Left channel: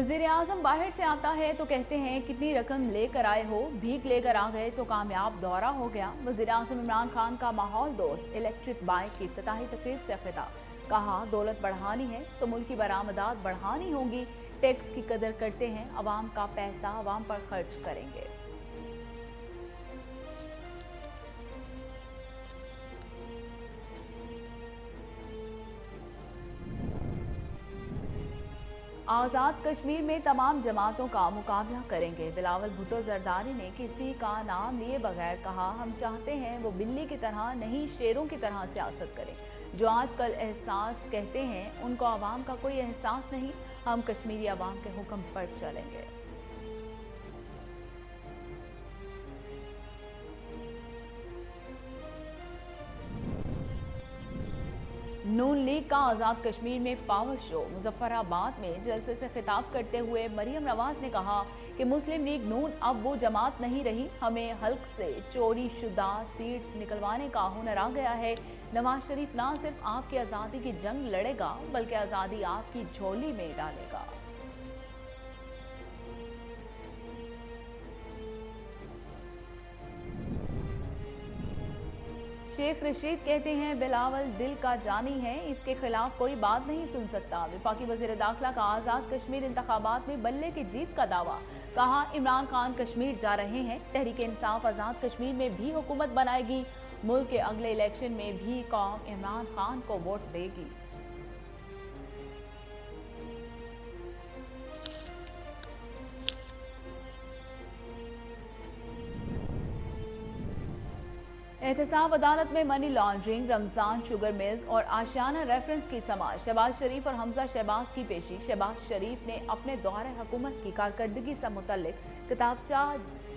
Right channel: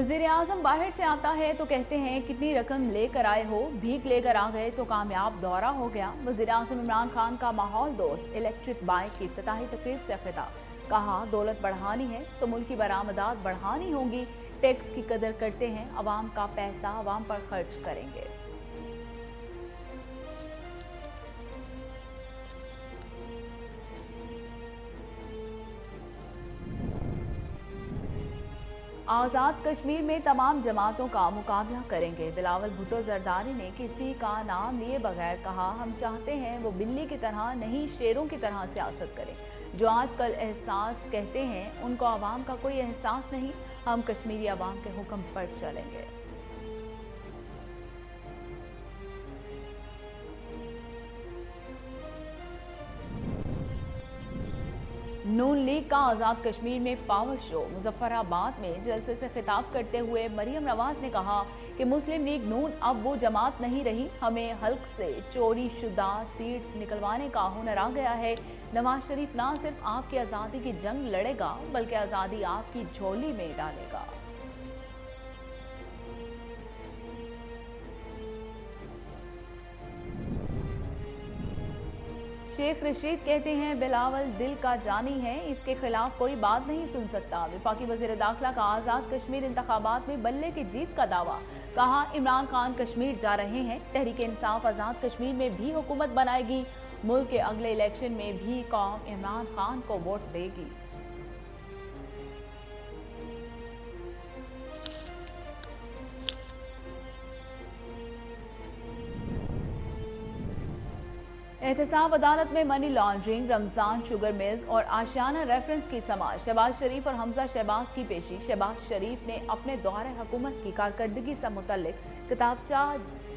वजीर आजम बाहर से आता है तो कहते हैं कितनी रकम लेकर आए हो, भीख लेकर आ गए तो कामयाब दौरा हो गया। वजीर आजम इमरान खान का माहौल दोस्त इलेक्ट्रिक बाइक की इफ्तिताही तकरीब से खिताब। कहा दौलत बढ़ानी है तो मुल्क की बरामदात बढ़ानी होंगी। टैक्स की कदर करते हैं, अवाम का पैसा अवाम पर खर्च करेंगे। आजाद कश्मीर में तमाम जमातों का मुकाबला करेंगे। बिलावल भुट्टो जरदारी ने किसी का नाम लिए बगैर कहा, हम चाहते हैं वो बिल्ली की तरह नहीं शेरों की तरह सियासत करें। जो आजकल एहसास कहते हैं उनको आवाम का कोई एहसास नहीं। हम कश्मीरी आवाम के हुक्म पर चलेंगे। नून लीग का आजाद कश्मीर में पावर शो। मुजफ्फराबाद में जलसे से खिताब करते हुए मरियम नवाज ने कहा कि मुस्लिम लीग नून अब वो जमात नहीं रही, हमें हल्क से चोरी शुदा सीट्स निकलवाने का हुनर आ गया है। नवाज शरीफ ना सिर्फ आपकी आज़ादी की जंग लड़ेगा बल्कि आज़ादी आपकी झोली में डालेगा। शेख रशीद कहते हैं बिलावल दिल का जानी है, इसके खिलाफ कोई बात नहीं सुन सकता। वफाकी वजीर दाखिला का आजाद कश्मीर इंतखाबात में बल्ले की जीत का दावा। कहा इमरान खान कश्मीर जा रहे हैं, तहरीक इंसाफ आजाद कश्मीर में भी हुकूमत बनाएगी। मुल्क के अगले इलेक्शन में भी कौम इमरान खान को वोट देगी। एहतसाब अदालत में money laundering, Ramzan sugar mills और आशियाना रेफरेंस की समाअत। शहबाज शरीफ और हमजा शहबाज की पेशी। शहबाज शरीफ ने अपने दौरे हुकूमत की कारकर्दगी से मुतल्लिक किताबचा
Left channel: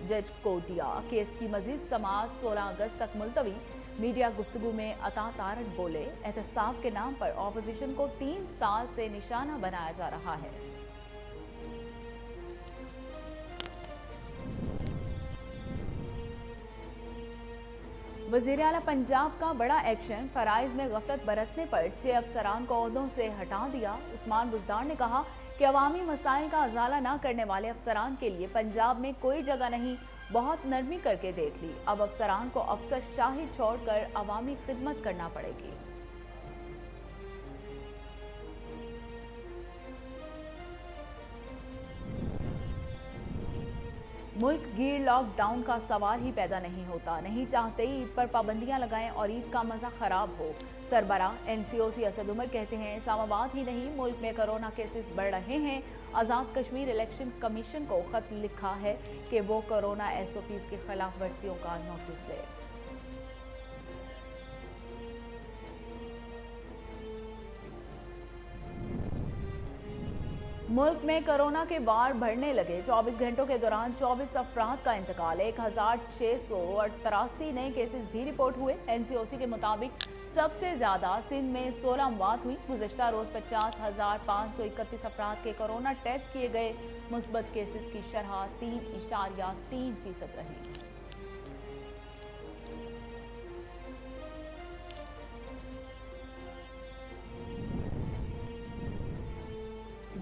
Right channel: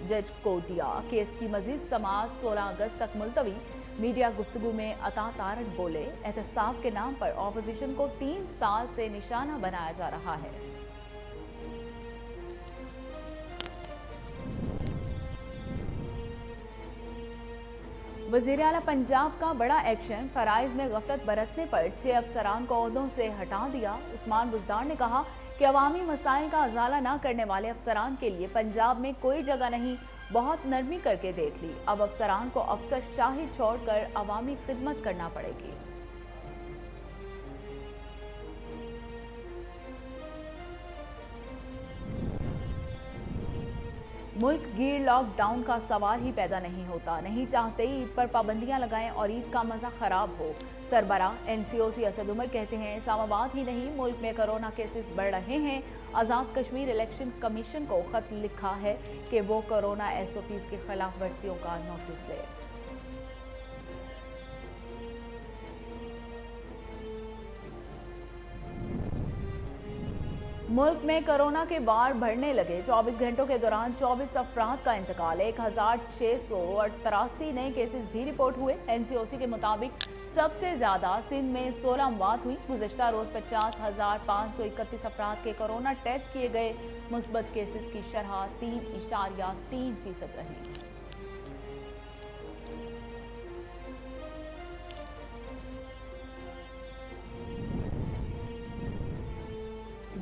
जज को दिया। केस की मजीद समाअत 16 अगस्त तक मुलतवी। मीडिया गुफ्तगू में अता तारक बोले, एहतसाब के नाम पर ऑपोजिशन को 3 साल से निशाना बनाया जा रहा है। वज़ीर आला पंजाब का बड़ा एक्शन। फराइज में गफलत बरतने पर 6 अफसरान को ओहदों से हटा दिया। उस्मान बुज़दार ने कहा कि अवामी मसाइल का अजाला न करने वाले अफसरान के लिए पंजाब में कोई जगह नहीं, बहुत नरमी करके देख ली। अब अफसरान को अफसर शाही छोड़कर अवामी खिदमत करना पड़ेगी। मुल्क गिर लॉकडाउन का सवाल ही पैदा नहीं होता। नहीं चाहते ईद पर पाबंदियां लगाएं और ईद का मजा खराब हो। सरबराह एनसीओसी असद उमर कहते हैं इस्लामाबाद ही नहीं मुल्क में कोरोना केसेस बढ़ रहे हैं। आजाद कश्मीर इलेक्शन कमीशन को खत लिखा है कि वो कोरोना एसओपीज की खिलाफ वर्जियों का नोटिस ले। मुल्क में कोरोना के वार बढ़ने लगे। 24 घंटों के दौरान 24 अफराद का इंतकाल। 1683 नए केसेस भी रिपोर्ट हुए। एनसीओसी के मुताबिक सबसे ज्यादा सिंध में 16 मौत हुई। गुज़श्ता रोज 50,531 अफराद के कोरोना टेस्ट किए गए। मुस्बत केसेस की शरह 3.3% रही।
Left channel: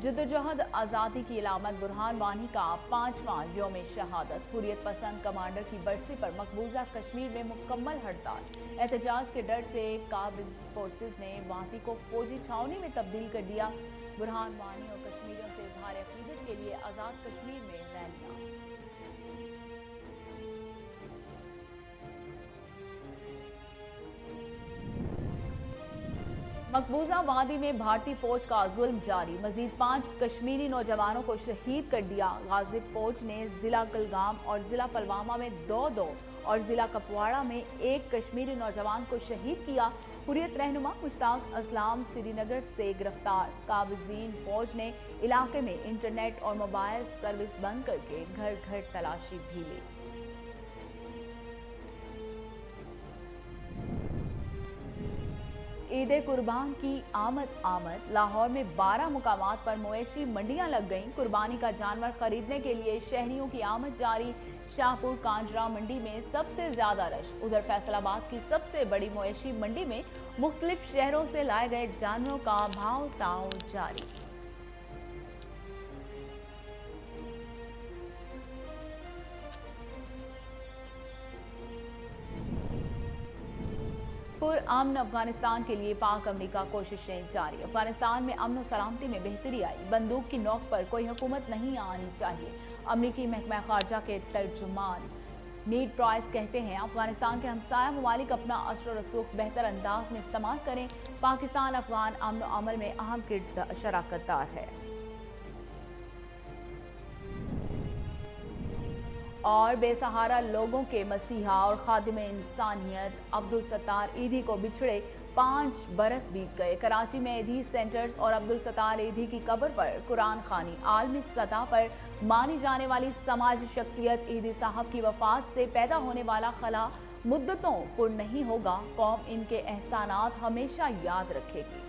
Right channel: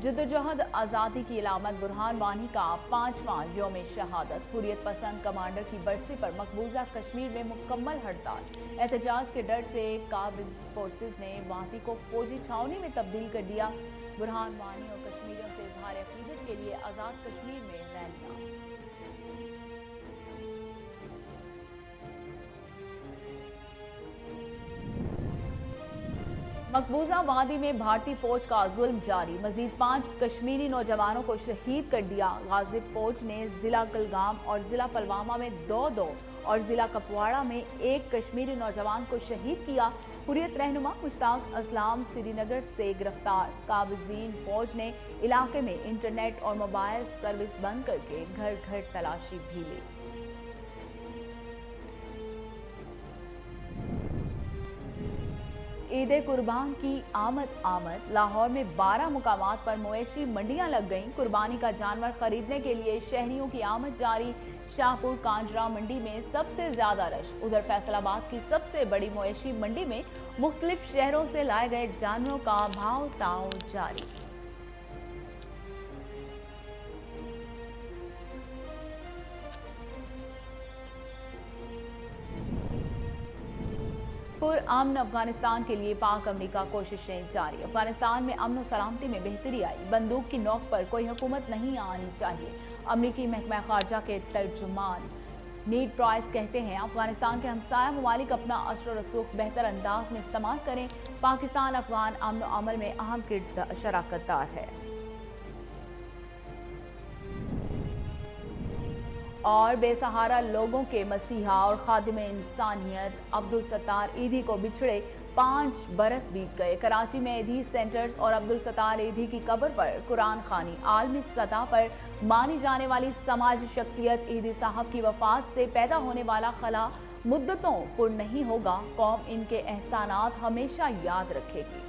जद्दोजहद आज़ादी की इलामत बुरहान वानी का 5वां यौम शहादत। हुर्रियत पसंद कमांडर की बरसी पर मकबूजा कश्मीर में मुकम्मल हड़ताल। एहतजाज के डर से काबिज फोर्सेज ने वादी को फौजी छावनी में तब्दील कर दिया। बुरहान वानी और कश्मीरियों से इजहार अकीदत के लिए आज़ाद कश्मीर में रैलियां। मकबूजा वादी में भारतीय फौज का जुल्म जारी। मजीद 5 कश्मीरी नौजवानों को शहीद कर दिया। गाजिब फौज ने जिला कुलगाम और जिला पुलवामा में 2-2 और जिला कपवाड़ा में 1 कश्मीरी नौजवान को शहीद किया। हुर्रियत रहनुमा मुश्ताक असलाम श्रीनगर से गिरफ्तार। काबिजीन फौज ने इलाके में इंटरनेट और मोबाइल सर्विस बंद करके घर घर तलाशी भी ली। ईद कुर्बान की आमद। लाहौर में 12 मुकामात पर मवेशी मंडियां लग गईं। कुर्बानी का जानवर खरीदने के लिए शहरियों की आमद जारी। शाहपुर कांजरा मंडी में सबसे ज्यादा रश। उधर फैसलाबाद की सबसे बड़ी मवेशी मंडी में मुख्तलिफ शहरों से लाए गए जानवरों का भाव ताव जारी। अमन अफगानिस्तान के लिए पाक अमेरिका कोशिशें जारी। अफगानिस्तान में अमन और सलामती में बेहतरी आई। बंदूक की नोक पर कोई हुकूमत नहीं आनी चाहिए। अमरीकी महकमा खारजा के तर्जुमान नीड प्राइस कहते हैं अफगानिस्तान के हमसाया ममालिक अपना असर रसूख बेहतर अंदाज में इस्तेमाल करें। पाकिस्तान अफगान अमन और अमल में अहम शराकतदार है। और बेसहारा लोगों के मसीहा और खादिम इंसानियत अब्दुल सत्तार ईदी को बिछड़े 5 बरस बीत गए। कराची में ईदी सेंटर्स और अब्दुल सत्तार ईदी की कब्र पर कुरान खानी। आलमी सतह पर मानी जाने वाली समाजी शख्सियत ईदी साहब की वफात से पैदा होने वाला खला मुद्दतों पुर नहीं होगा। कौम इनके एहसानात हमेशा याद रखेगी।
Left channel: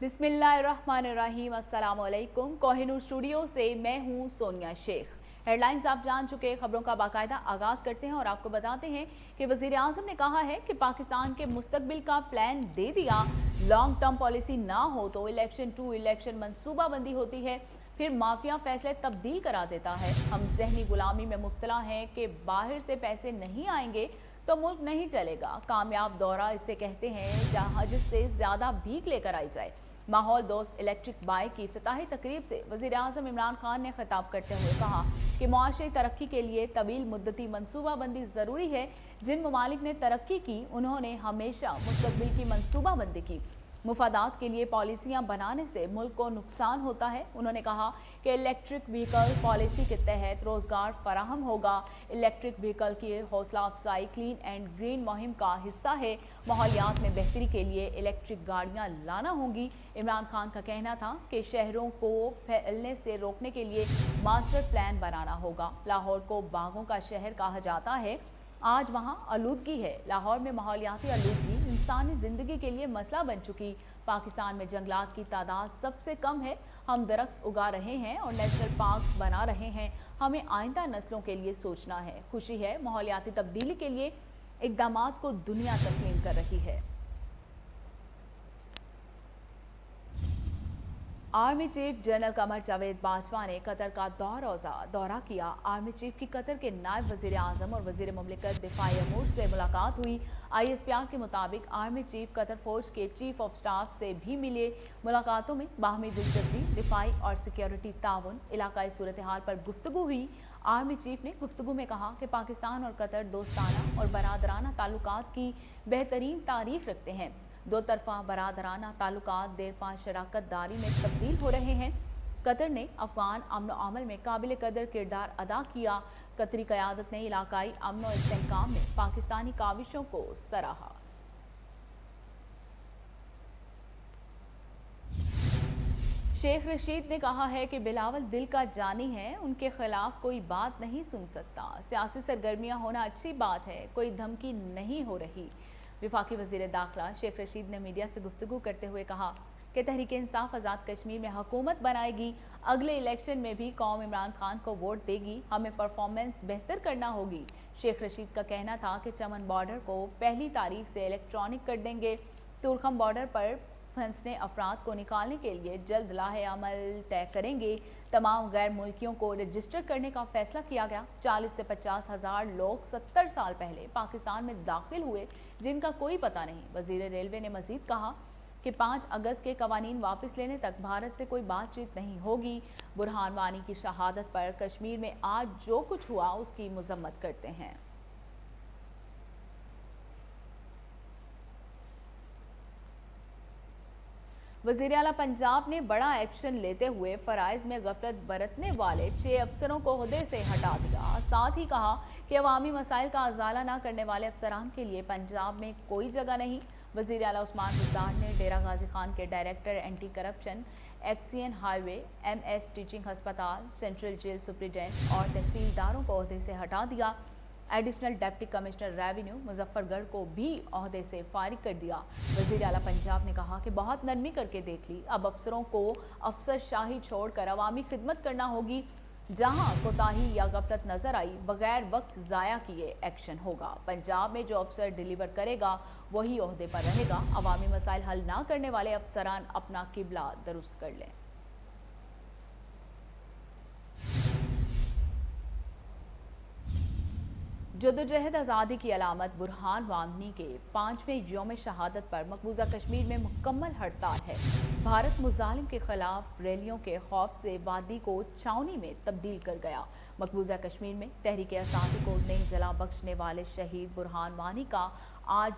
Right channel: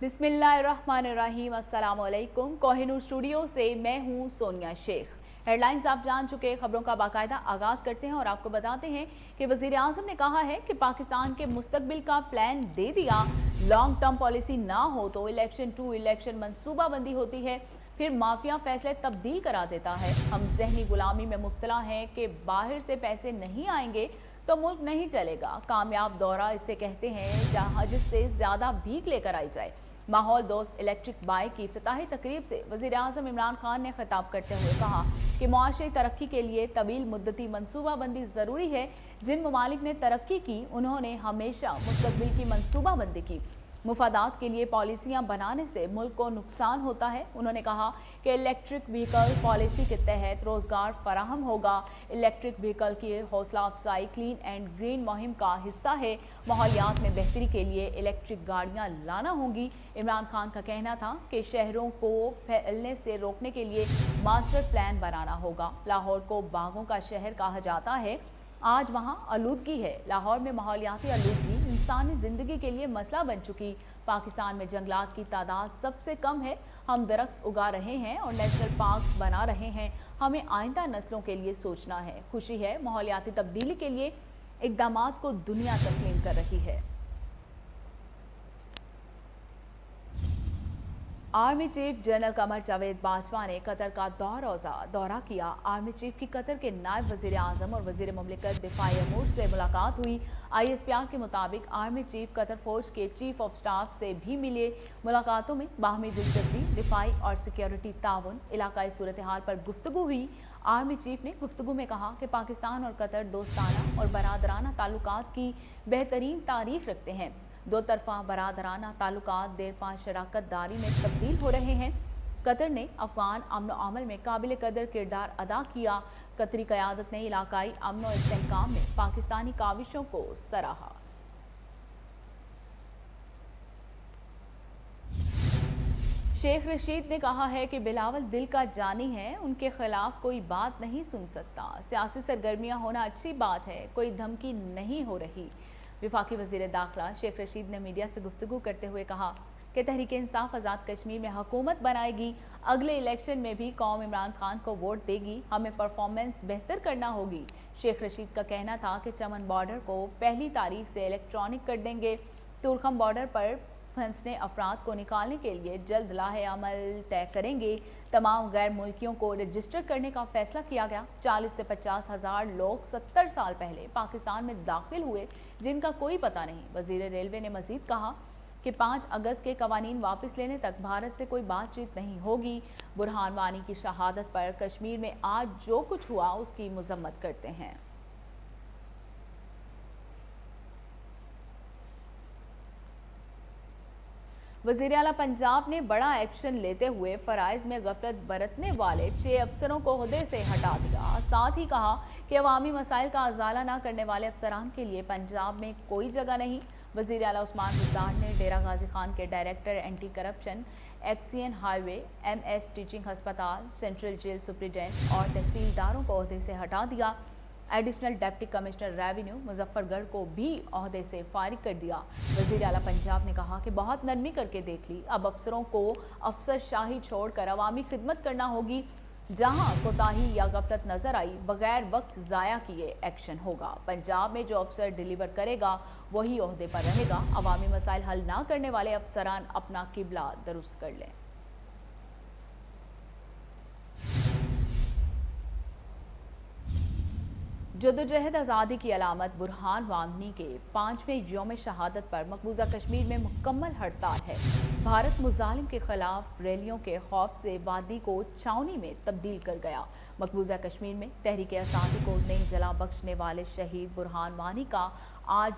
बिस्मिल्लाहिर्रहमानिर्रहीम। अस्सलाम वालेकुम। कोहिनूर स्टूडियो से मैं हूं सोनिया शेख। हेडलाइंस आप जान चुके, खबरों का बाकायदा आगाज करते हैं और आपको बताते हैं कि वजीर आजम ने कहा है कि पाकिस्तान के मुस्तकबिल का प्लान दे दिया। लॉन्ग टर्म पॉलिसी ना हो तो इलेक्शन टू इलेक्शन मंसूबाबंदी होती है, फिर माफिया फैसले तब्दील करा देता है। हम जहनी गुलामी में मुब्तला हैं कि बाहर से पैसे नहीं आएंगे तो मुल्क नहीं चलेगा। कामयाब दौरा इसे कहते हैं जहां जिससे ज्यादा भीख लेकर आई जाए। माहौल दोस्त इलेक्ट्रिक बाइक की इफ्तिताही तकरीब से वजीर आजम इमरान खान ने खिताब करते हुए कहा कि मुआशरी तरक्की के लिए तवील मुद्दती मनसूबाबंदी जरूरी है। जिन ममालिक ने तरक्की की उन्होंने हमेशा मुस्तकबिल की मनसूबाबंदी की। मुफादात के लिए पॉलिसियां बनाने से मुल्क को नुकसान होता है। उन्होंने कहा कि इलेक्ट्रिक व्हीकल पॉलिसी के तहत रोजगार फराहम होगा। इलेक्ट्रिक व्हीकल की हौसला अफजाई क्लीन एंड ग्रीन मुहिम का हिस्सा है। माहौलियात में बेहतरी के लिए इलेक्ट्रिक गाड़ियां लाना होंगी। इमरान खान का कहना था कि शहरों को फैलने से रोकने के लिए मास्टर प्लान बनाना होगा। लाहौर को बागों का शहर कहा जाता है, आज वहां आलूदगी है। लाहौर में माहौलियाती आलूदगी इंसानी जिंदगी के लिए मसला बन चुकी। पाकिस्तान में जंगलात की तादाद सबसे कम है। हम दरख्त उगा रहे हैं और नेशनल पार्क्स बना रहे हैं। हमें आइंदा नस्लों के लिए सोचना है। खुशी है माहौलियाती तब्दीली के लिए इक़दामात को दुनिया तस्लीम कर रही है। Army chief general Qamar Javed Bajwa ने कतर का दौरा किया। आर्मी चीफ की कतर के नायब वजीर आजम और वजीर मुमलिकत दिफाई अमूर से मुलाकात हुई। ISPR के मुताबिक आर्मी चीफ कतर फौज के चीफ ऑफ स्टाफ से भी मिले। मुलाकातों में बाहमी दिलचस्पी, दिफाई और सिक्योरिटी ताउन, इलाकाई सूरत हाल पर गुफ्तगू हुई। आर्मी चीफ ने गुफ्तगू में कहा कि पाकिस्तान और कतर दोस्ताना और बरादराना ताल्लुकात की बेहतरीन तारीख रखते हैं। दो तरफा बरादराना ताल्लुकात देरपा शराकत दारी में तब्दील हो रहे हैं। कतर ने अफगान अमन और अमल में काबिल कदर किरदार अदा किया। कतरी क़यादत ने इलाकाई अमन और इस्तेहकाम में पाकिस्तानी काविशों को सराहा। शेख रशीद ने कहा है कि बिलावल दिल का जानी है, उनके खिलाफ कोई बात नहीं सुन सकता। सियासी सरगर्मियां होना अच्छी बात है, कोई धमकी नहीं हो रही। विफाकी वजीर दाखिला शेख रशीद ने मीडिया से गुफ्तगू करते हुए कहा कि तहरीक इंसाफ आज़ाद कश्मीर में हुकूमत बनाएगी। अगले इलेक्शन में भी कौम इमरान खान को वोट देगी। हमें परफॉर्मेंस बेहतर करना होगी। शेख रशीद का कहना था कि चमन बॉर्डर को 1 तारीख से इलेक्ट्रॉनिक कर देंगे। तुरखम बॉर्डर पर फंसने अफराद को निकालने के लिए जल्द लाहे अमल तय करेंगे। तमाम गैर मुल्कियों को रजिस्टर करने का फैसला किया गया। 40 से 50 हज़ार लोग 70 साल पहले पाकिस्तान में दाखिल हुए जिनका कोई पता नहीं। वजीर रेलवे ने मजीद कहा कि 5 अगस्त के कवानीन वापस लेने तक भारत से कोई बातचीत नहीं होगी। बुरहान वानी की शहादत पर कश्मीर में आज जो कुछ हुआ उसकी मजम्मत करते हैं। वज़ीर आला पंजाब ने बड़ा एक्शन लेते हुए फराइज में गफलत बरतने वाले 6 अफसरों को ओहदे से हटा दिया। साथ ही कहा कि अवामी मसाइल का अजाला न करने वाले अफसरान के लिए पंजाब में कोई जगह नहीं। वज़ीर आला उस्मान बुज़दार ने डेरा गाजी खान के director anti corruption, एक्सियन highway, MS teaching हस्पताल, सेंट्रल जेल सुप्रिटेंडेंट और तहसीलदारों को ओहदे से हटा दिया। Additional deputy commissioner revenue Muzaffargarh को भी ओहदे से फारिग कर दिया। वज़ीर आला पंजाब ने कहा कि बहुत नरमी करके देख ली, अब अफसरों को अफसरशाही छोड़कर अवामी खिदमत करना होगी। जहां कोताही या गफलत नजर आई बगैर वक्त ज़ाया किए एक्शन होगा। पंजाब में जो अफसर डिलीवर करेगा वही ओहदे पर रहेगा। अवामी मसाइल हल ना करने वाले अफसरान अपना किबला दुरुस्त कर लें। जद्दोजहद आज़ादी की अलामत बुरहान वानी के 5वें यौम शहादत पर मकबूजा कश्मीर में मुकम्मल हड़ताल है। भारत मुजालिम के खिलाफ रैलियों के खौफ से वादी को छावनी में तब्दील कर गया। मकबूजा कश्मीर में तहरीक आज़ादी को नई जला बख्शने वाले शहीद बुरहान वानी का आज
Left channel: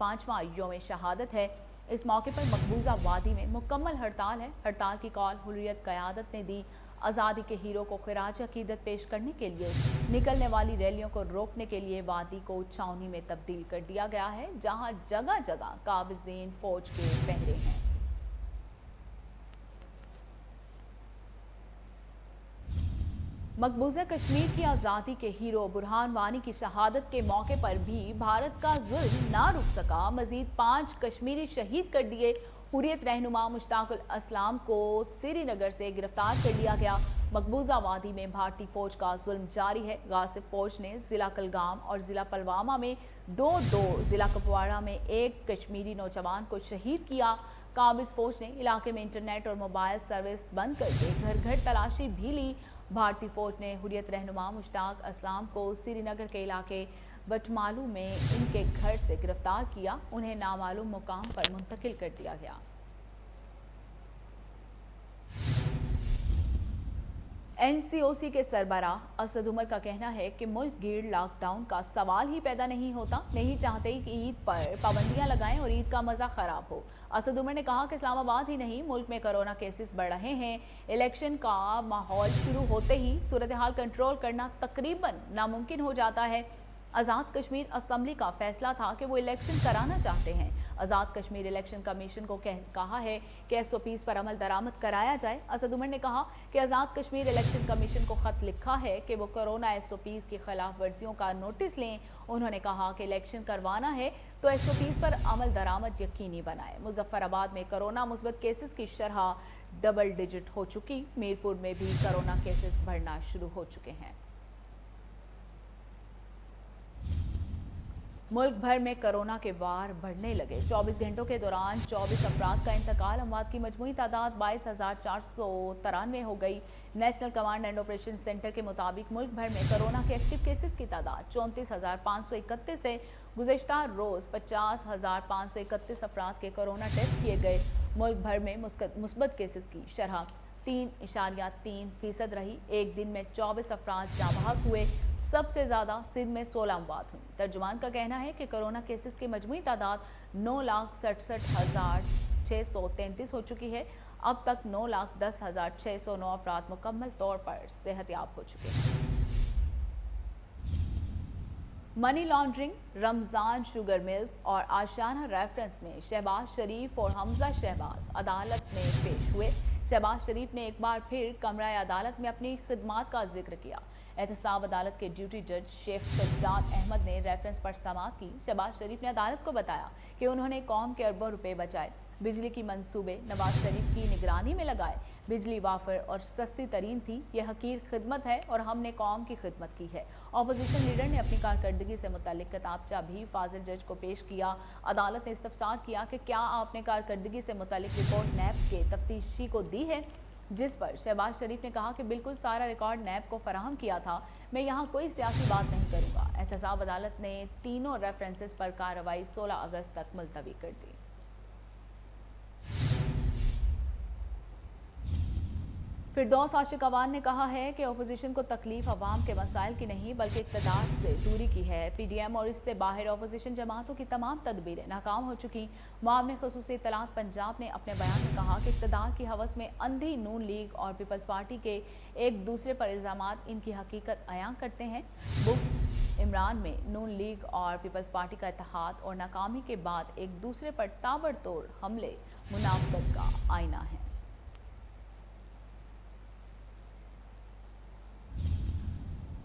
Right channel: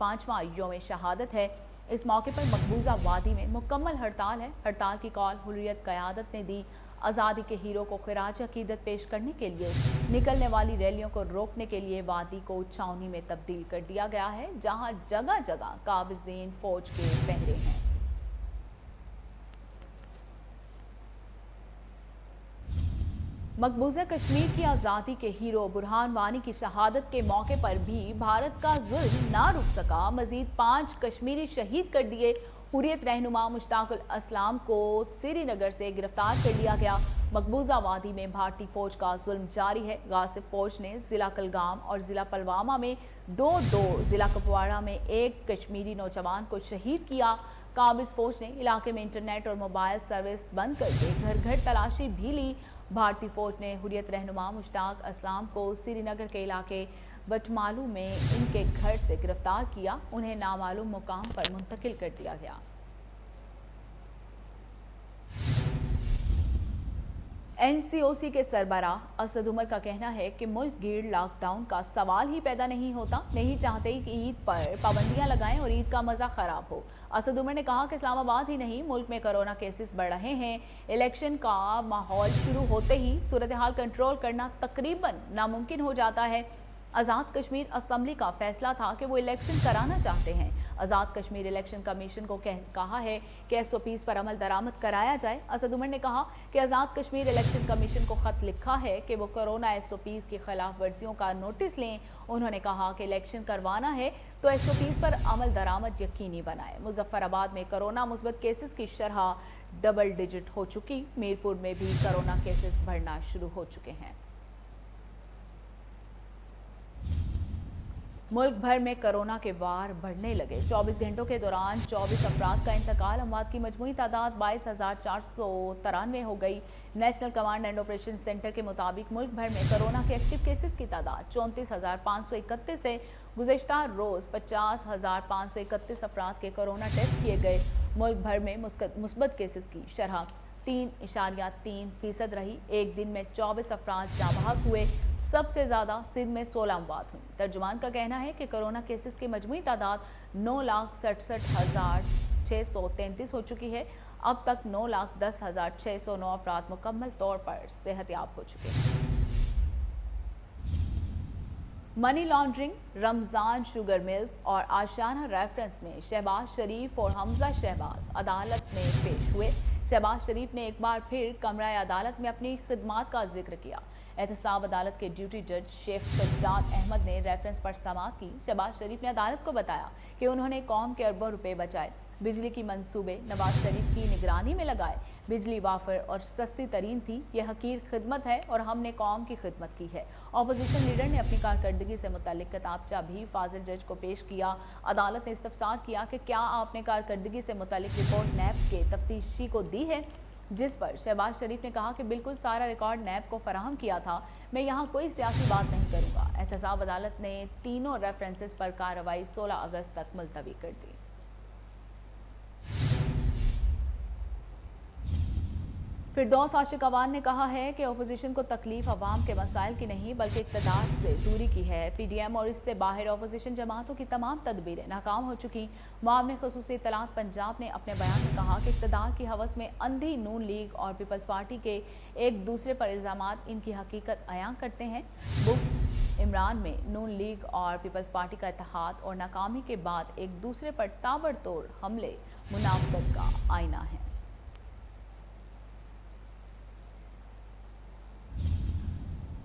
5वां यौम शहादत है। इस मौके पर मकबूजा वादी में मुकम्मल हड़ताल है। हड़ताल की कॉल हुर्रियत क़यादत ने दी। आज़ादी के हीरो को खिराज अकीदत पेश करने के लिए निकलने वाली रैलियों को रोकने के लिए वादी को छावनी में तब्दील कर दिया गया है, जहां जगह जगह काबिज़ीन फौज के पहरे हैं। मकबूजा कश्मीर की आज़ादी के हीरो बुरहान वानी की शहादत के मौके पर भी भारत का जुल्म ना रुक सका। मजीद 5 कश्मीरी शहीद कर दिए। हुर्रियत रहनुमा मुश्ताकुल अस्लाम को श्रीनगर से गिरफ्तार कर लिया गया। मकबूजा वादी में भारतीय फौज का जुल्म जारी है। गासिब फौज ने जिला कलगाम और जिला पलवामा में दो, जिला कुपवाड़ा में 1 कश्मीरी नौजवान को शहीद किया। काबिज फौज ने इलाके में इंटरनेट और मोबाइल सर्विस बंद करके घर घर तलाशी भी ली। भारतीय फौज ने हुर्रियत रहनुमा मुश्ताक अस्लाम को श्रीनगर के इलाके बटमालू में इनके घर से गिरफ्तार किया। उन्हें नामालूम मुकाम पर मुंतकिल कर दिया गया। एनसीओसी के सरबराह असद उमर का कहना है कि मुल्क गिर लॉकडाउन का सवाल ही पैदा नहीं होता। नहीं चाहते कि ईद पर पाबंदियां लगाएं और ईद का मजा खराब हो। असद उमर ने कहा कि इस्लामाबाद ही नहीं, मुल्क में कोरोना केसेस बढ़ रहे हैं। इलेक्शन का माहौल शुरू होते ही सूरत हाल कंट्रोल करना तकरीबन नामुमकिन हो जाता है। आज़ाद कश्मीर असम्बली का फैसला था कि वो इलेक्शन कराना चाहते हैं। आज़ाद कश्मीर इलेक्शन कमीशन को कहा है कि एसओपीज पर अमल दरामद कराया जाए। असद उमर ने कहा कि आज़ाद कश्मीर इलेक्शन कमीशन को खत लिखा है कि वो कोरोना एसओपीज की खिलाफ वर्जियों का नोटिस लें। उन्होंने कहा कि इलेक्शन करवाना है तो एसओपीज पर अमल दरामद यकीनी बनाए। मुजफ्फराबाद में कोरोना मुस्बत केसेस की शरह डबल डिजिट हो चुकी। मीरपुर में भी कोरोना केसेस बढ़ना शुरू हो चुके हैं। मुल्क भर में कोरोना के वार बढ़ने लगे। 24 घंटों के दौरान 24 अफराद का इंतकाल। अमवात की मजमूई तादाद 22,493 हो गई। National command and operation centre के मुताबिक मुल्क भर में कोरोना के एक्टिव केसेस की तादाद 34,531 है। गुज़िश्ता रोज 50,531 अफराद के कोरोना टेस्ट किए गए। मुल्क भर में मुस्बत केसेस की शरह 3.3% रही। एक दिन में 24 अफराद जाँ हुए। सबसे ज्यादा सिंध में 16 अमवात हुई। तर्जुमान का कहना है कि कोरोना केसेस की मजमूई तादाद 9,67,633 हो चुकी है। अब तक 9,10,609 अफराद मुकम्मल तौर पर सेहतयाब हो चुके हैं। Money laundering, Ramzan sugar mills और आशाना रेफरेंस में शहबाज शरीफ और हमजा शहबाज अदालत में पेश हुए। शहबाज शरीफ ने एक बार फिर कमरा अदालत में अपनी खिदमात का जिक्र किया। एहतसाब अदालत के ड्यूटी जज शेख सज्जाद अहमद ने रेफरेंस पर समाअत की। शहबाज शरीफ ने अदालत को बताया कि उन्होंने कौम के अरबों रुपए बचाए, बिजली की मंसूबे नवाज शरीफ की निगरानी में लगाए। बिजली वाफर और सस्ती तरीन थी। यह हकीर खिदमत है और हमने कौम की खिदमत की है। अपोजिशन लीडर ने अपनी कारकर्दगी से मुतालिक किताबचा भी फाजिल जज को पेश किया। अदालत ने इस्तफसार किया कि क्या आपने कारकर्दगी से मुतालिक रिपोर्ट नैब के तफ्तीशी को दी है, जिस पर शहबाज शरीफ ने कहा कि बिल्कुल सारा रिकॉर्ड नैब को फराहम किया था। मैं यहाँ कोई सियासी बात नहीं करूँगा। एहतसाब अदालत ने तीनों रेफरेंसेस पर कार्रवाई 16 अगस्त तक मुलतवी कर दी। फिरदौस आशिक अवान ने कहा है कि अपोजिशन को तकलीफ अवाम के मसाइल की नहीं बल्कि इक़्तिदार से दूरी की है। पीडीएम और इससे बाहर अपोजिशन जमातों की तमाम तदबीरें नाकाम हो चुकी। मामले ख़ुसूसी इत्तलात पंजाब ने अपने बयान में कहा कि इक़्तिदार की हवस में अंधी नून लीग और पीपल्स पार्टी के एक दूसरे पर इल्ज़ामात इनकी हकीकत अयां करते हैं। बुक्स इमरान में नून लीग और पीपल्स पार्टी का इत्तेहाद और नाकामी के बाद एक दूसरे पर ताबड़तोड़ हमले मुनाफिकत का आईना है।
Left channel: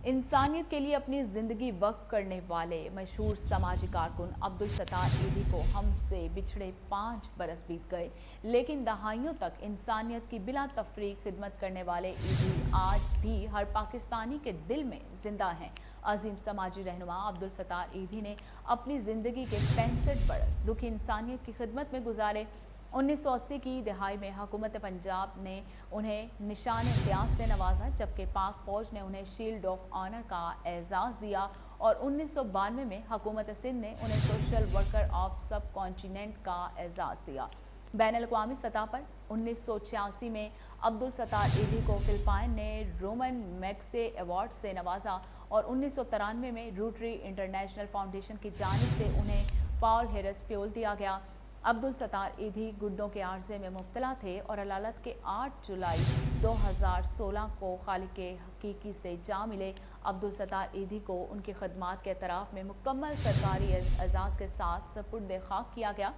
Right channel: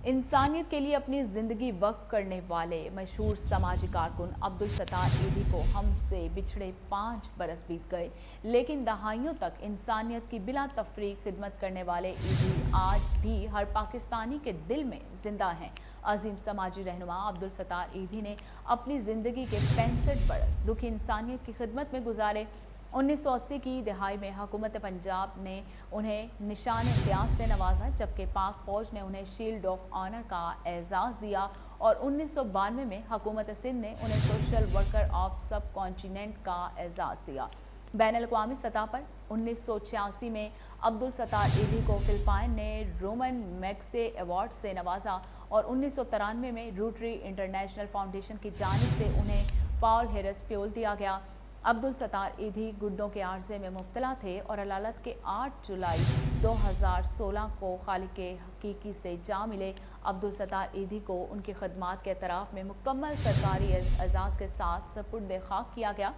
इंसानियत के लिए अपनी जिंदगी वक्फ करने वाले मशहूर समाजी कारकुन अब्दुल सत्तार ईदी को हमसे बिछड़े 5 बरस बीत गए, लेकिन दहाइयों तक इंसानियत की बिला तफरीक खिदमत करने वाले ईदी आज भी हर पाकिस्तानी के दिल में जिंदा हैं। अजीम समाजी रहनुमा अब्दुल सत्तार ईदी ने अपनी जिंदगी के 65 बरस दुखी इंसानियत की खिदमत में गुजारे। 1980 की दहाई में हुकूमत पंजाब ने उन्हें निशान इम्तियाज से नवाजा, जबकि पाक फौज ने उन्हें शील्ड ऑफ ऑनर का एजाज़ दिया اور 1992 میں حکومت سندھ نے انہیں social worker of sub continent کا اعزاز دیا۔ بین الاقوامی سطح پر 1986 میں عبدالستار ایدھی کو فلپائن نے رومن میگسے ایوارڈ سے نوازا اور 1993 میں روٹری انٹرنیشنل فاؤنڈیشن کی جانب سے انہیں پال ہیرس فیول دیا گیا۔ عبدالستار ایدھی گردوں کے عارضے میں مبتلا تھے اور عدالت کے 8 جولائی 2016 کو خالق حقیقی سے جا ملے۔ عبدالستار ایدھی کو ان کی خدمات کے اعتراف میں مکمل سرکاری اعزاز کے ساتھ سپرد خاک کیا گیا۔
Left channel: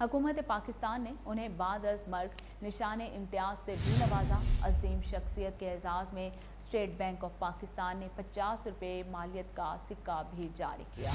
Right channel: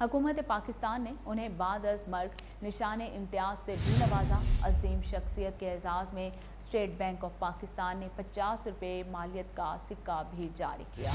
حکومت پاکستان نے انہیں بعد از مرگ نشان امتیاز سے بھی نوازا۔ عظیم شخصیت کے اعزاز میں اسٹیٹ بینک آف پاکستان نے 50 روپے مالیت کا سکہ بھی جاری کیا۔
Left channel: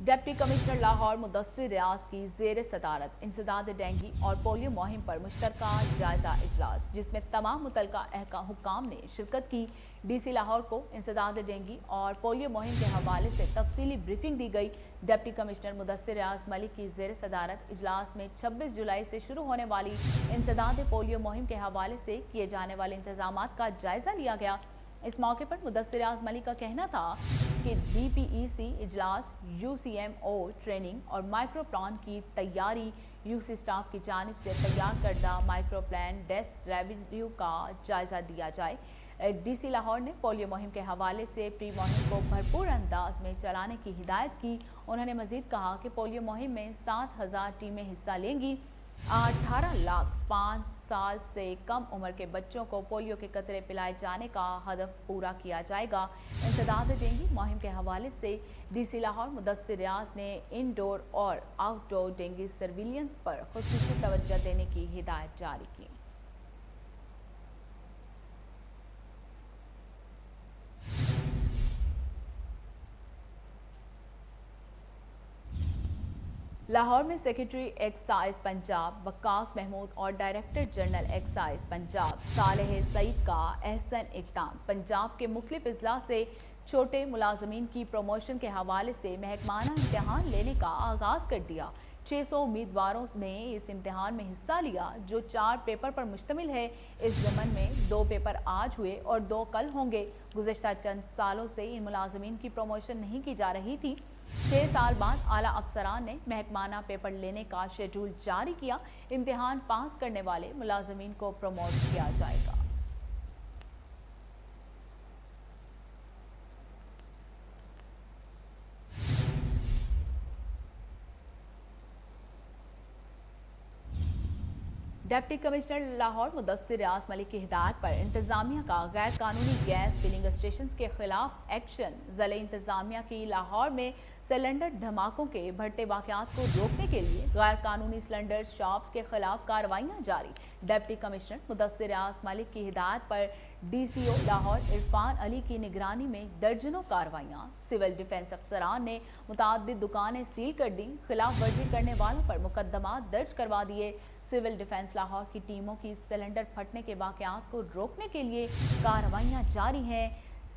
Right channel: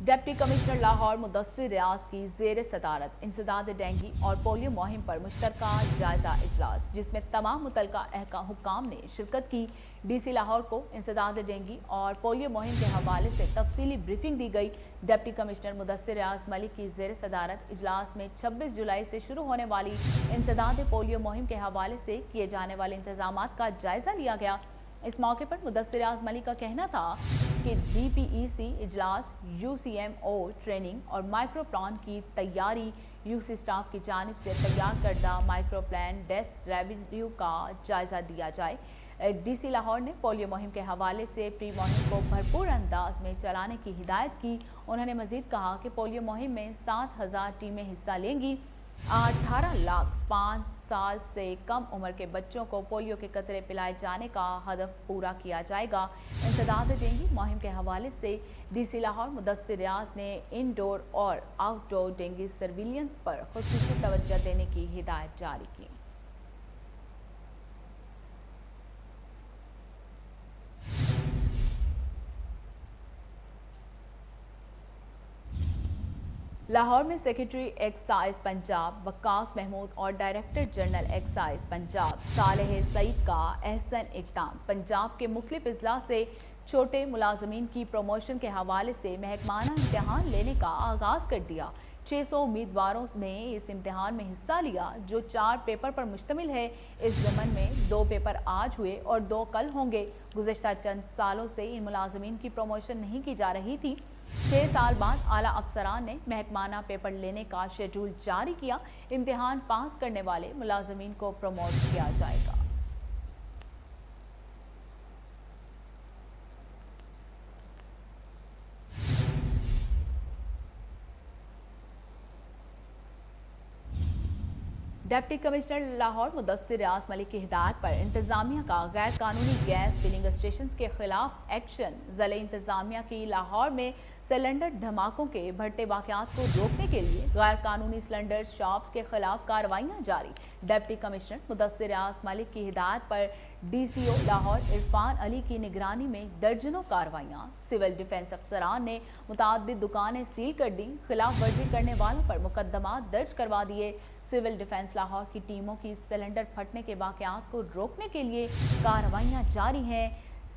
ڈپٹی کمشنر لاہور مدثر ریاض کی زیر صدارت انسداد ڈینگی اور پولیو مہم پر مشترکہ جائزہ اجلاس، جس میں تمام متعلقہ حکام نے شرکت کی۔ ڈی سی لاہور کو انسداد ڈینگی اور پولیو مہم کے حوالے سے تفصیلی بریفنگ دی گئی۔ ڈپٹی کمشنر مدثر ریاض ملک کی زیر صدارت اجلاس میں 26 جولائی سے شروع ہونے والی انسداد پولیو مہم کے حوالے سے کیے جانے والے انتظامات کا جائزہ لیا گیا۔ اس موقع پر مدثر ریاض ملک کا کہنا تھا کہ ڈی پی ای سی اجلاس، U C M O training اور مائکرو پلان کی تیاری، یو سی سٹاف کی جانب سے تیار کردہ مائکرو پلان ڈیسک ریویو کا جائزہ دیا جائے۔ ڈی سی لاہور نے پولیو مہم کے حوالے سے پری مہم کو بھرپور انداز میں چلانے کی ہدایت کی۔ انہوں نے مزید کہا کہ پولیو مہم میں 7,000 ٹیمیں حصہ لیں گی۔ 18 لاکھ 5 سال سے کم عمر کے بچوں کو پولیو کے قطرے پلائے جانے کا ہدف پورا کیا جائے گا۔ انسداد ڈینگی مہم کے حوالے سے ڈی سی لاہور مدثر ریاض نے انڈور اور آؤٹ ڈور ڈینگی سرویلنس پر خصوصی توجہ دینے کی ہدایت جاری کی۔ لاہور میں سیکرٹری ایکسائز پنجاب وقاص محمود اور ڈائریکٹر جنرل ایکسائز پنجاب صالح سعید کا احسن اقدام۔ پنجاب کے مختلف اضلاع سے چھوٹے ملازمین کی پروموشن کے حوالے سے محکمانہ امتحان لینے کا آغاز کر دیا۔ 600 امیدواروں نے اس امتحان میں حصہ لیا جو 4 پیپر پر مشتمل ہے۔ اس ضمن میں 2 پیپر آج ہوئے اور 2 کل ہوں گے۔ گزشتہ چند سالوں سے ان ملازمین کی پروموشن نہیں کی جا رہی تھی۔ 6 سال بعد اعلیٰ افسران نے محکمانہ پیپر لینے کا شیڈول جاری کیا۔ امتحان پاس کرنے والے ملازمین کو پروموٹ کیا جائے گا۔ ڈپٹی کمشنر لاہور مدثر ریاض ملک کی ہدایت پر انتظامیہ کا غیر قانونی گیس فلنگ اسٹیشنز کے خلاف ایکشن۔ ضلع انتظامیہ کی لاہور میں سلنڈر دھماکوں کے بڑھتے واقعات کو روکنے کے لیے غیر قانونی سلنڈر شاپس کے خلاف کارروائیاں جاری۔ ڈپٹی کمشنر مدثر ریاض ملک کی ہدایت پر ڈی سی او لاہور عرفان علی کی نگرانی میں درجنوں کارروائیاں۔ سول ڈیفنس افسران نے متعدد دکانیں سیل کر دی۔ خلاف ورزی کرنے والوں پر مقدمات درج کروا دیے۔ سول ڈیفنس لاہور کی ٹیموں کی سلنڈر پھٹنے کے واقعات کو روکنے کے لیے کارروائیاں جاری ہیں۔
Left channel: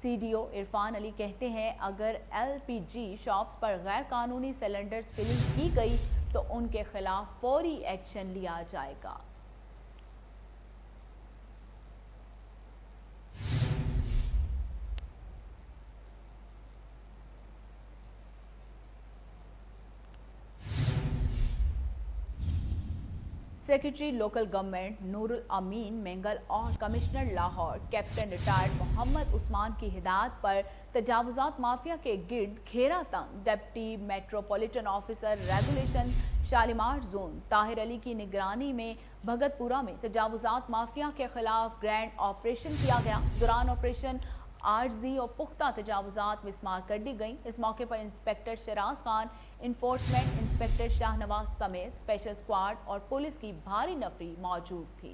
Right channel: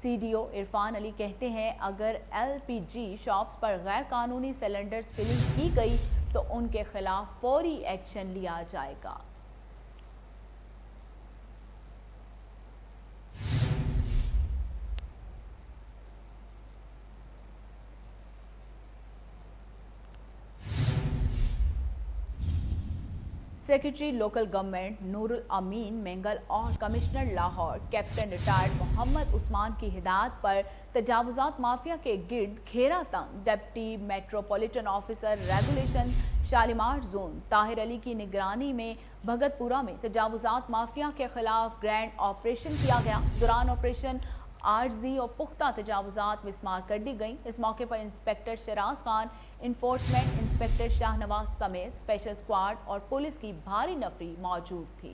سی ڈی او عرفان علی کہتے ہیں اگر ایل پی جی شاپس پر غیر قانونی سلنڈرز فلنگ کی گئی تو ان کے خلاف فوری ایکشن لیا جائے گا۔ Secretary local government Noor ul-Amin Mengal اور commissioner Lahore captain retired Muhammad Usman کی ہدایت پر تجاوزات مافیا کے گرد گھیرا تنگ۔ Deputy metropolitan officer regulation Shalimar zone Tahir Ali کی نگرانی میں بھگت پورہ میں تجاوزات مافیا کے خلاف گرینڈ آپریشن کیا گیا۔ دوران آپریشن عارضی اور پختہ تجاوزات مسمار کر دی گئیں۔ اس موقع پر inspector Shiraz Khan, enforcement inspector Shah Nawaz سمیت اسپیشل اسکواڈ اور پولیس کی بھاری نفری موجود تھی۔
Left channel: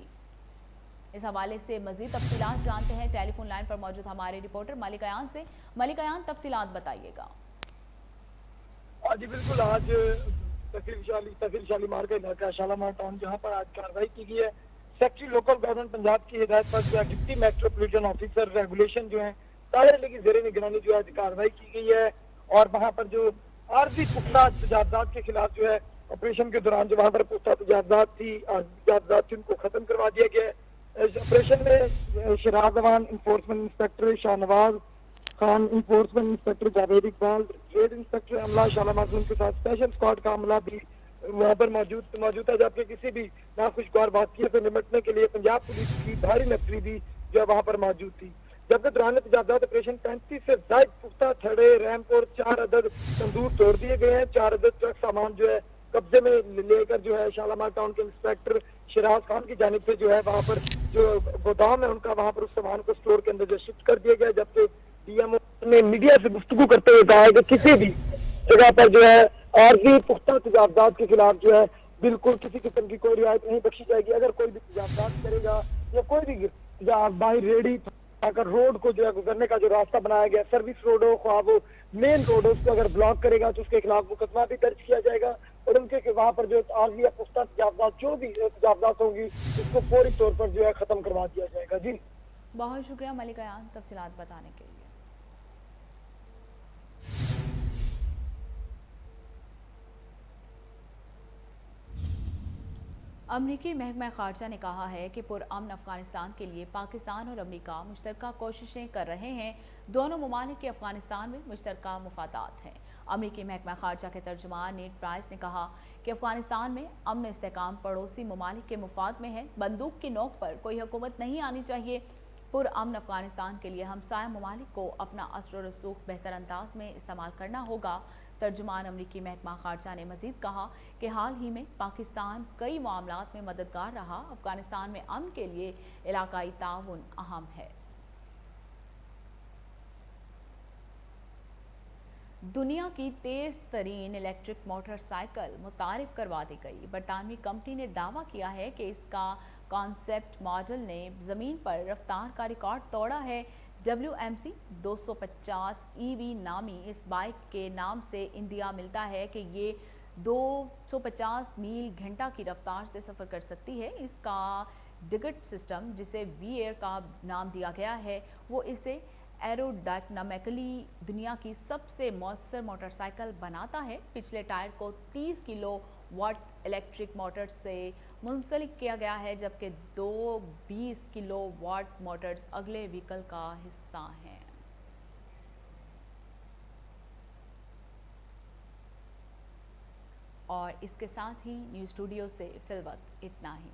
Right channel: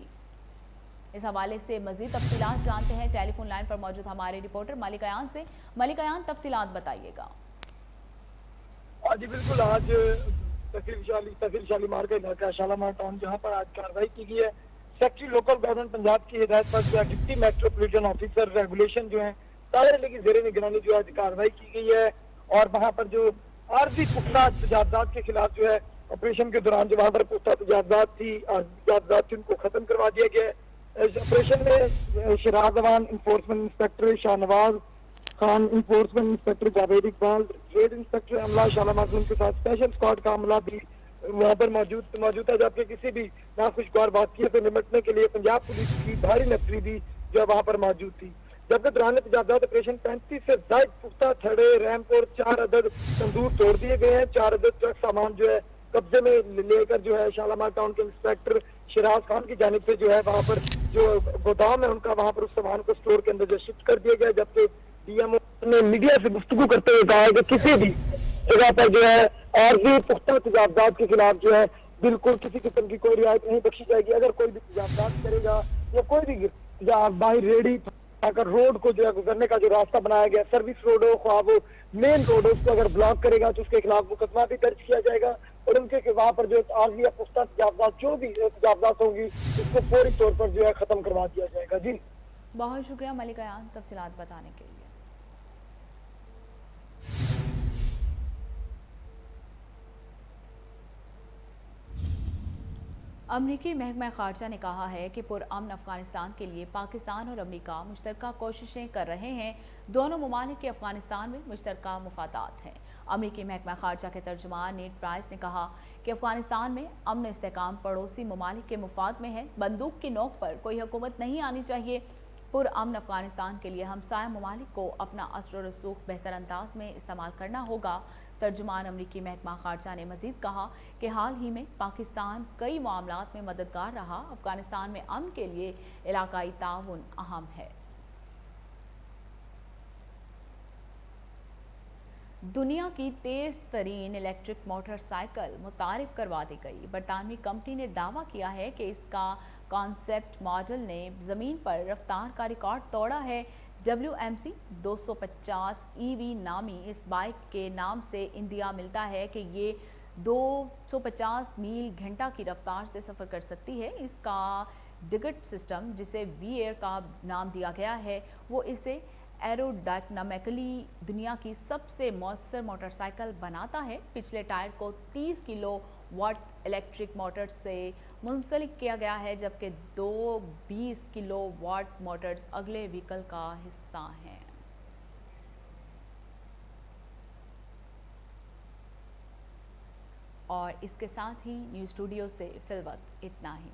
اس حوالے سے مزید تفصیلات جانتے ہیں ٹیلی فون لائن پر موجود ہمارے رپورٹر ملک ایان سے۔ ملک ایان، تفصیلات بتائیے گا۔ جی بالکل، آج تحصیل شالیمار کا علاقہ شالیمار ٹاؤن جہاں پر آج کارروائی کی گئی ہے سیکرٹری لوکل گورنمنٹ پنجاب کی ہدایت پر جو ہے ڈپٹی میٹروپولیٹن آفیسر ریگولیشن جو ہیں طاہر علی کی زیر نگرانی جو ہے کارروائی کی گئی ہے اور وہاں پر جو عارضی پختہ تجاوزات کے خلاف جو ہے آپریشن کے دوران جو وہاں پر پختہ تجاوزات تھی ان کو ختم کروا دیا گیا ہے۔ इस ऑपरेशन में Shiraz Awan enforcement inspector Shahnawaz Khan, enforcement inspector Javed Iqbal, trade inspector अमला शाला मासूम के साथ स्पेशल स्क्वाड का अमला भी वहाँ पर मौजूद है, जबकि किसी भी नाखुशगवार वाक़ये से निपटने के लिए पंजाब पुलिस की भारी नफरी भी जो है वहाँ पर मौजूद थी। जबकि दौरान तजावजात ऑपरेशन 35 से ज्यादा पुख्ता छड़े, रैंप और 4 अदद तंदूर तोड़ दिए गए हैं। 4 अदद ट्रक सामान जो है कब्जे में लेकर जो है शालामार टाउन के इंस्पेक्टर शिराज खान की जानिब से जो है वहाँ पर जो गोदाम है उनका वहाँ पर उस सामान को स्टोर के अंदर जो शिफ्ट कर दिया गया। जबकि डीएमओ ने मीडिया से गुफ्तगू करते हुए कहा है कि किसी भी जगह पर जो है आर्जी पुख्ता तजावजात के खिलाफ जो है बिल्कुल किसी किस्म की कोई रियायत नहीं बख्शी जाएगी। अगर कोई भी तजावजात करेगा या कोई भी बाहर रेडी अगर रोड को जो है गुजरने का जो रास्ता बनाया गया, सर्विस रोड हो ख्वाह वो मेन रोड हो, उसको अगर ब्लॉक करेगा तो उसके खिलाफ मुकदमा भी दर्ज किया जाएगा और उनके वहाँ पर जो आर्जी या पुख्ता तजावजात जो भी तजावजात होंगी उसको फौरी तौर पर जो है खत्म करवा दिया जाएगा। जी बहुत शुक्रिया मलिक अयान तफसीलात बताने के लिए। अमरीकी महकमा खारजा ने कहा है कि पुरअमन अफगानिस्तान के लिए पाकिस्तान और अमरीका मुश्तरका कोशिशें कर रहे हैं। दोनों ममालिक के अफगानिस्तान में मुश्तरका मुफादात हैं। अमरीकी महकमा खारजा के तर्जुमान नेड प्राइस ने कहा कि अफगानिस्तान में अमन इस्तेकाम पड़ोसी ममालिक के मुफाद में है। बंदूक की नोक पर कोई हुकूमत नहीं आनी चाहिए। पुरअमन अफगानिस्तान के लिए हमसाया ममालिक को अपना असर और रसूख बेहतर अंदाज में इस्तेमाल करना होगा। तर्जुमान अमरीकी महकमा खारजा ने मजीद कहा कि हाल ही में पाकिस्तान कई मामलात में मददगार रहा। अफगानिस्तान में अमन के लिए इलाकाई ताउन अहम है। दुनिया की तेज तरीन इलेक्ट्रिक मोटरसाइकिल मुतारिफ करवा दी गई। बरतानवी कंपनी ने दावा किया है कि इसका कॉन्सेप्ट मॉडल ने जमीन पर रफ्तार का रिकॉर्ड तोड़ा है। WMC 250 EV नामी इस बाइक के नाम से इंदिया मिलता है कि ये 250 मील घंटा की रफ्तार से सफ़र कर सकती है। इसका डिगट सिस्टम, जिसे वी-एयर का नाम दिया गया है, वो इसे एरोडायनामिकली दुनिया की सबसे मौसर मोटरसाइकिल बनाता है। पिछले टायर को 30 किलो वाट इलेक्ट्रिक मोटर से मुंसलिक किया गया है, जबकि 2 20 किलो वाट मोटर्स अगले व्हीकल का हिस्सा हैं। और इसके साथ ही न्यूज़ स्टूडियो से फिलवक्त इतना ही।